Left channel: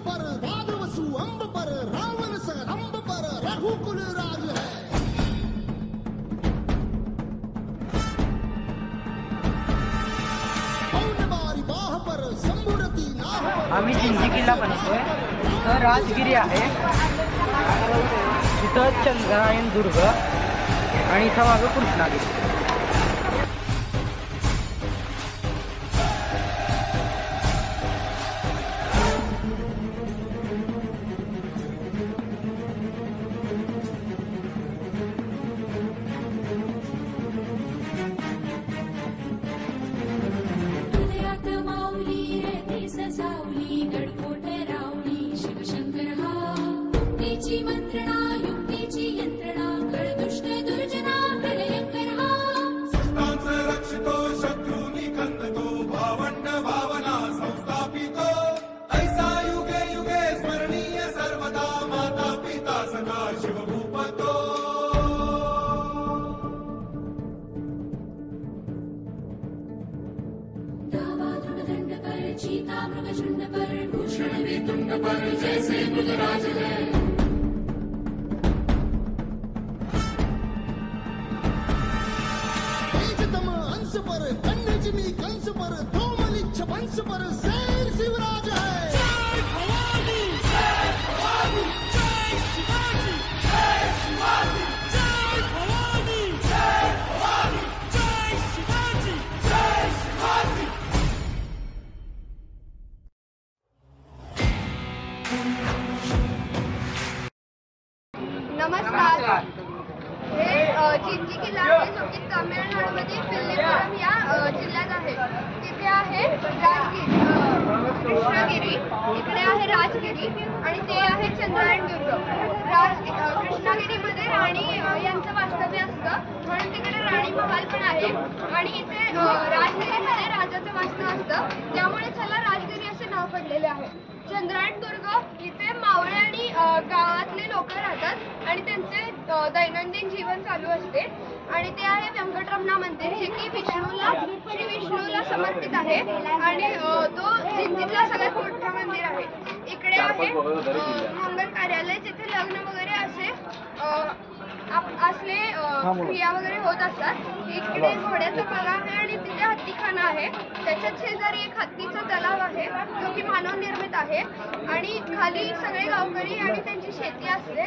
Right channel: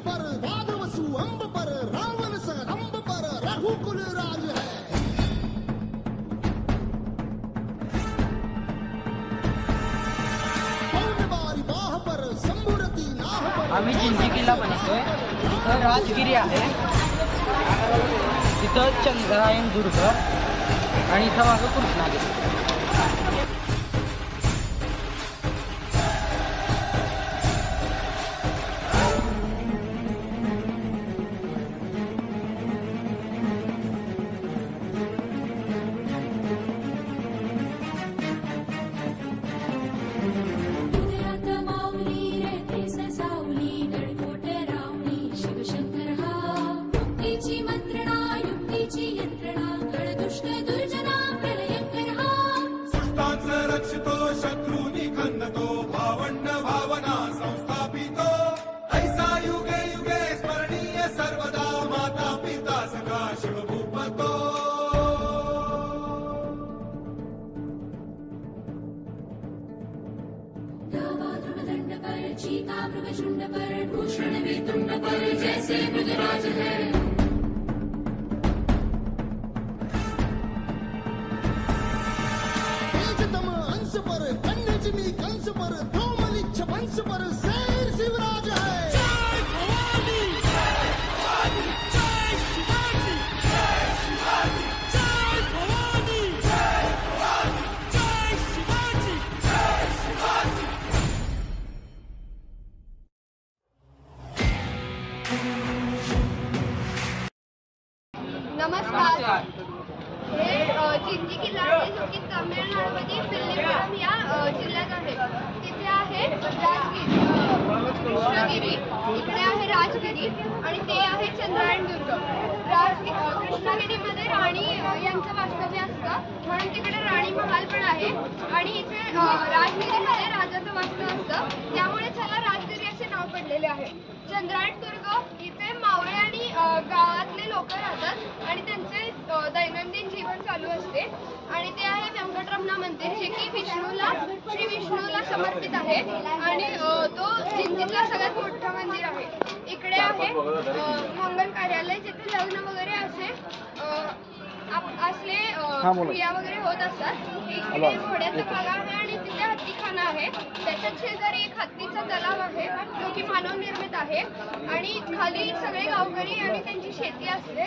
पर राघवसु अंब पर रावण सरंब पर रघुकुल राज है। पौनबारी बाह पर संबुरती नाह पर। आम्ही जिंजी किल्ला बनवतोय। इथं राजगिरी आहे, इथं चंद्रायण दुर्ग आणि इथं माझं कृष्णागिरी। चीता मृगशुंड पर भूषण में तुंड पर जैसे मृगराज है। तेजतम अंश पर कन्यजमी कंस पर धूमलिच्छ वंश पर शेर शिवराज है। जय भवानी, जय भवानी, जय शिवाजी, जय शिवाजी, जय भवानी, जय भवानी, जय शिवाजी, जय शिवाजी। नमस्कार। हे जिंजी किल्ला आहे जो की तामिळनाडूमध्ये विल्लीपुरम या जिल्ह्यात आहे। तिथे आहे राजगिरी, कृष्णगिरी, इकडे आहे राजगिरी आणि ते आहे चंद्रायण दुर्ग। कृष्णगिरीमध्ये राणी यांचं वास्तव्य असतं म्हणून तिकडे राणी महाल पण आहे आणि इथे राजगिरीमध्ये राजाचं वास्तव असतं त्यामुळे त्याला राजगिरी असे नाव पडलेले आहे। चंद्रायण दुर्ग इथे मावळे आणि गावातले लोक राहतात आणि त्यांचे दैनंदिन जीवन चालू असते आणि ते आहे व्यंकटरमण मंदिर जे की श्री विष्णूला समर्पित आहे आणि तो जिंजीतला सगळ्यात मोठं मंदिर आहे। इकडे आहे मंगल कार्यालय जिथे लग्न वगैरे असले क्रिया वगैरे होत असतात। इकडे घोड्याचा बंगला आहे आणि तिथे हत्तीखाना आहे। त्याच्याच शेजारी एक हत्तीचा तलाव आहे जो की मानव निर्मित आहे आणि खाली सगळे गावकरी आणि त्यांची शेती असते।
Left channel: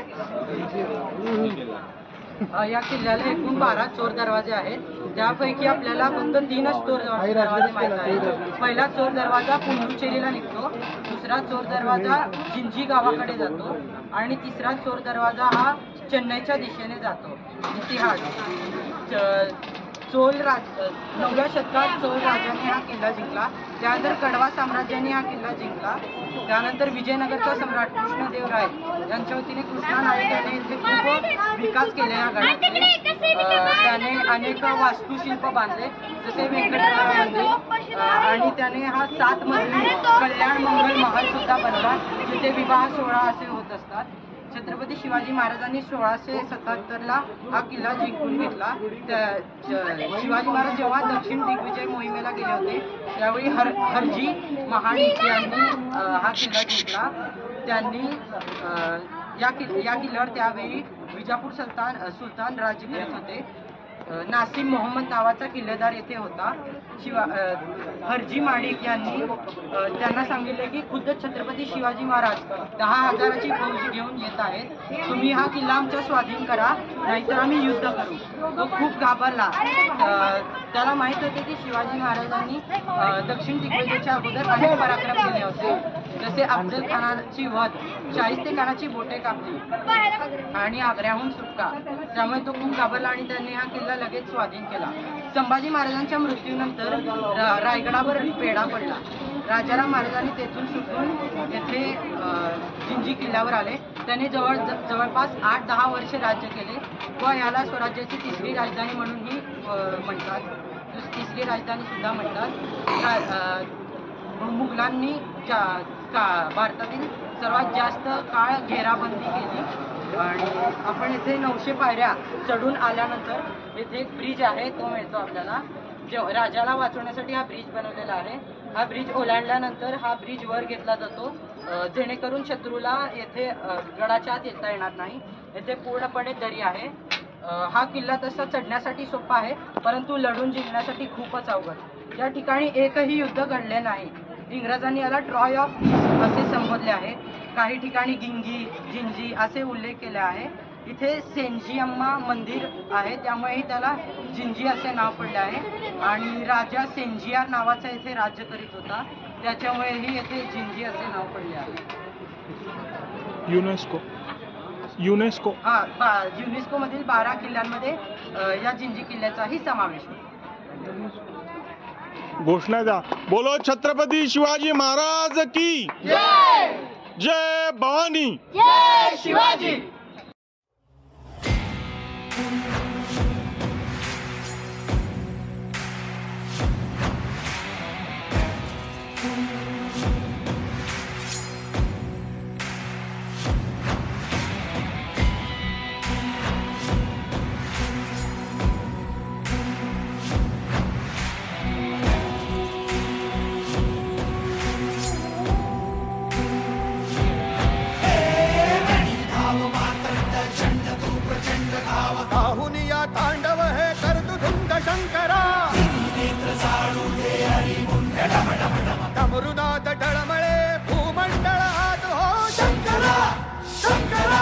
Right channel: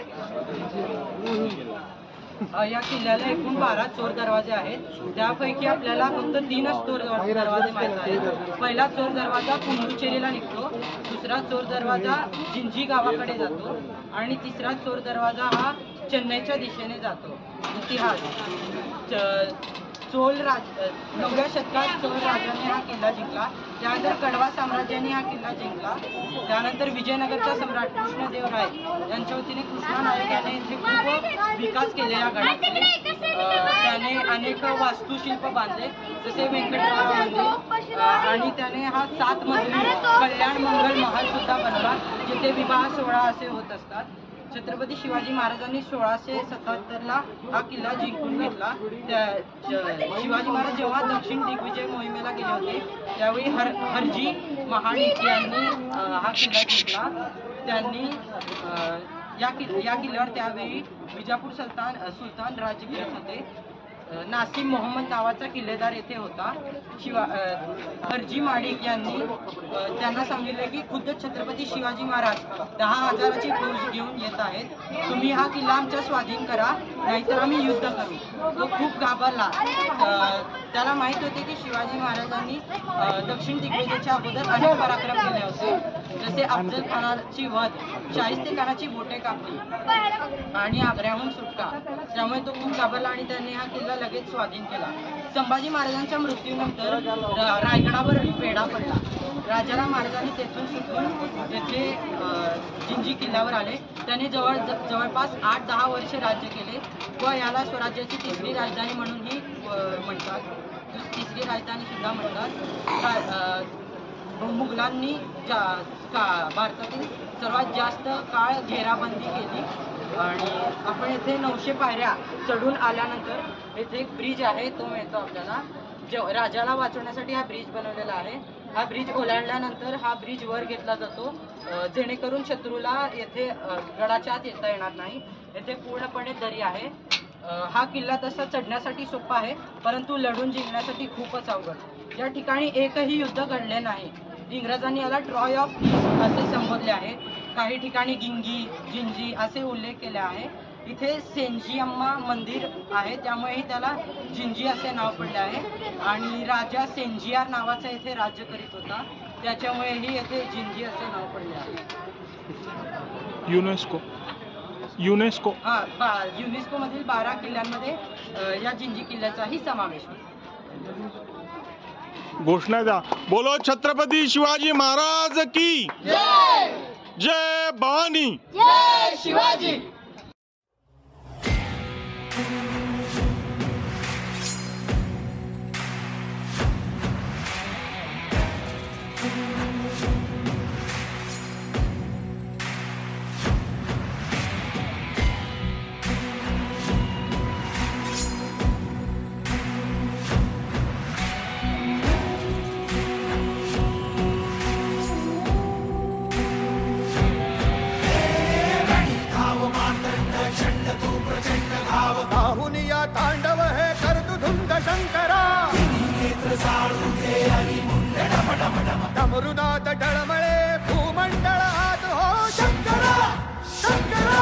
या किल्ल्याला एकूण 12 चोर दरवाजे आहेत, त्यापैकी आपल्याला फक्त 3च चोर दरवाजे माहित आहेत। पहिला चोर दरवाजा पुंडुचेरीला निघतो, दुसरा चोर दरवाजा जिंजी गावाकडे जातो आणि तिसरा चोर दरवाजा हा चेन्नईच्या दिशेने जातो। इतिहास 9व्या शतकात चोल राजाने हा किल्ला जिंकला, त्यानंतर कडवा साम्राज्याने हा किल्ला जिंकला, त्यानंतर विजयनगरचा सम्राट कृष्णदेवराय यांच्या वतीने कृष्णा नायक याने इथे खूप विकास केले या गडाचे। त्याने अनेक वास्तुशिल्प बांधले जसे व्यंकटरमण मंदिर आणि त्याने हा 7 मजली कल्याण मंगल महल सुद्धा बनवला जिथे विवाह सोहळा असे होत असतात। छत्रपती शिवाजी महाराजांनी 1677ला हा किल्ला जिंकून घेतला। शिवाजी महाराज जेव्हा दक्षिण दिग्विजय मोहिमेला गेले होते त्यावेळी हरजी महाडिक यांनी हा किल्ला जिंकला। त्यांनी या किल्ल्यावर त्यावेळी विजापूर सुलतान राज्य करीत होते। नासिम मोहम्मद नावाचा किल्लेदार येथे होता। हरजी माडिक यांनी त्यांना सांगितले की खुद्द छत्रपती शिवाजी महाराज 10,000ची फौज घेऊन येत आहेत, तुम्ही हा किल्ला आमच्या स्वाधीन करा नाहीतर आम्ही युद्ध करू। तो खूप घाबरला। त्याला माहित होते की शिवाजी महाराजांनी दक्षिण दिग्विजयाच्या अगोदर अनेक पराक्रम केले होते, जसे अफजल खानाची वध, शाहिस्तेखानाची बोटे कापली आणि आग्र्याहून सुटका। त्यामुळे तो खूप घाबरला आणि त्यांनी हा किल्ला लगेच स्वाधीन केला। संभाजी महाराजांच्या मृत्यूनंतर रायगडावर बेडा पडला। राजाराम महाराजांनी तेथून सुटून येथे जिंजी किल्ल्यावर आले। त्यांनी जवळपास 8-10 वर्षे राज्य केले व याला स्वराज्याची तिसरी राजधानी म्हणूनही म्हणतात, तिसरी राजधानी सुद्धा म्हणतात। मुघलांनी भारतातील सर्वात जास्त काळ घेराबंदी केली आणि आपण इथे 900 पायऱ्या चढून आल्यानंतर इथे एक ब्रिज आहे तो मिळतो आपल्याला। राजाला वाचवण्यासाठी हा ब्रिज बनवलेला आहे। हा ब्रिज ओलांडल्यानंतर हा ब्रिज वर घेतला जातो, जेणेकरून शत्रूला येथे गडाच्या आत येता येणार नाही. येथे पूर्णपणे दरी आहे. हा किल्ला तसा चढण्यासाठी सोपा आहे, परंतु लढून जिंकण्यासाठी खूपच अवघड. या ठिकाणी एकही युद्ध घडले नाही. इंग्रजांनी याला ट्रॉय ऑफ ईस्ट असे संबोधले आहे. काही ठिकाणी गिंगी, जिंजी असे उल्लेख केले आहे. इथे सेंजिअम्मा मंदिर आहे, त्यामुळेही त्याला जिंजी असे नाव पडले आहे. आणि राजा सेंजियार नावाचा इथे राज्य करीत होता, त्याच्यामुळेही येथे जिंजी असे नाव पडले आहे. युनेस्को युनेस्को मधील 12 किल्ल्यांमध्ये या जिंजी किल्ल्याचाही समावेश होतो. घोषणा द्या. बोलो छत्रपती शिवाजी महाराज की जय. जय भवानी. जय शिवाजी. राहुनिया तांडव है कर्तुधुंड शंकरा, डमरुनाथ डळमळे भूमंडळ हात हो शंकरा शंकरा.